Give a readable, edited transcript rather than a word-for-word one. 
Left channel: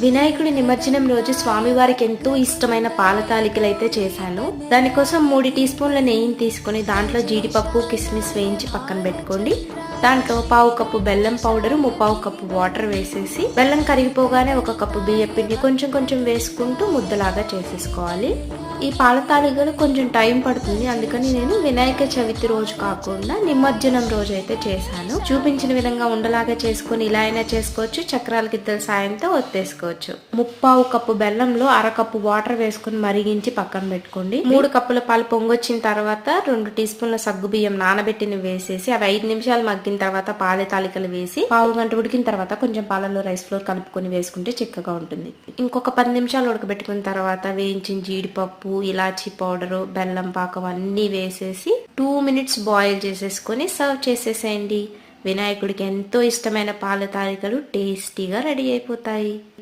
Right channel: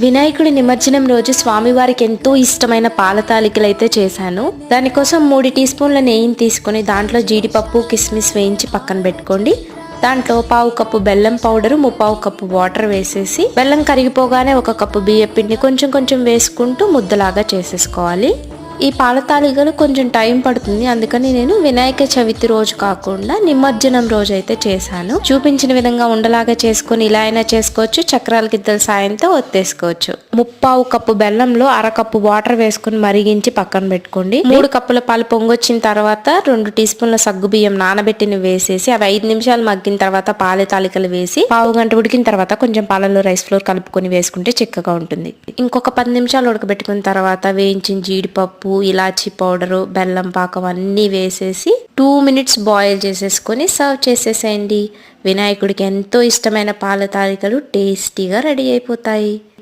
వినాయకుడి నిమజ్జనం రోజు స్వామివారికి ఎంతో ఇష్టమైన పాల తాలికలు అయితే చేశాను. దానికోసం 3 టీ స్పూన్ల నెయ్యిని తీసుకొని దాంట్లో జీడిపప్పు కిస్మిస్ వేయించి పక్కన పెట్టుకోండి. దాంట్లో 1/2 కప్పు బెల్లం పౌడరు 3/4 కప్పు వాటర్ వేసేసి బెల్లం కరిగిపోగానే 1 కప్పు బియ్యం పిండి కొంచెం కొంచెం వేసుకుంటూ ముద్దలాగా చేసేసుకోవాలి. ఈ పాల తాలికలు కొంచెం టైం పడుతుంది, అందుకని నేను వినాయక చవితి రోజు కాకుండా నిమజ్జనం రోజు అయితే చేశాను. చూపించిన విధంగా ఉండలాగా చేసుకుని ఇలా అయినా చేసుకోవచ్చు, చక్రాల గిద్దల సాయంతో ఒత్తేసుకోవచ్చు. 3/4 కప్పు బెల్లంలో 1/2 కప్పు వాటర్ వేసుకుని మరిగించి పక్కన పెట్టుకోండి. 3 కప్పుల పాలు పొంగొచ్చిన తర్వాత 2 టీ స్పూన్ల సగ్గు బియ్యం నానబెట్టిన వేసేసి అవి 5 నిమిషాలు మగ్గిన తర్వాత పాల తాలికలు వేసి 1/2 గంట ఉడికిన తర్వాత కొంచెం పాలలో రైస్ ఫ్లోర్ కలుపుకొని వేసుకుంటే చిక్కగా ఉంటుంది. ఇంకొక 10 నిమిషాలు ఉడకబెట్టుకున్న తర్వాత వేయించిన జీడిపప్పు, ఇలాచీ పౌడరు, బెల్లం పాకం అన్నీ వేసేసి 2 మినిట్స్ బాయిల్ చేసేసుకొని సర్వ్ చేసేసేయండి. వినాయకుడికి ఎంతో ఇష్టమైన పాల తాలికలు టేస్టీగా రెడీ అయిపోతాయి.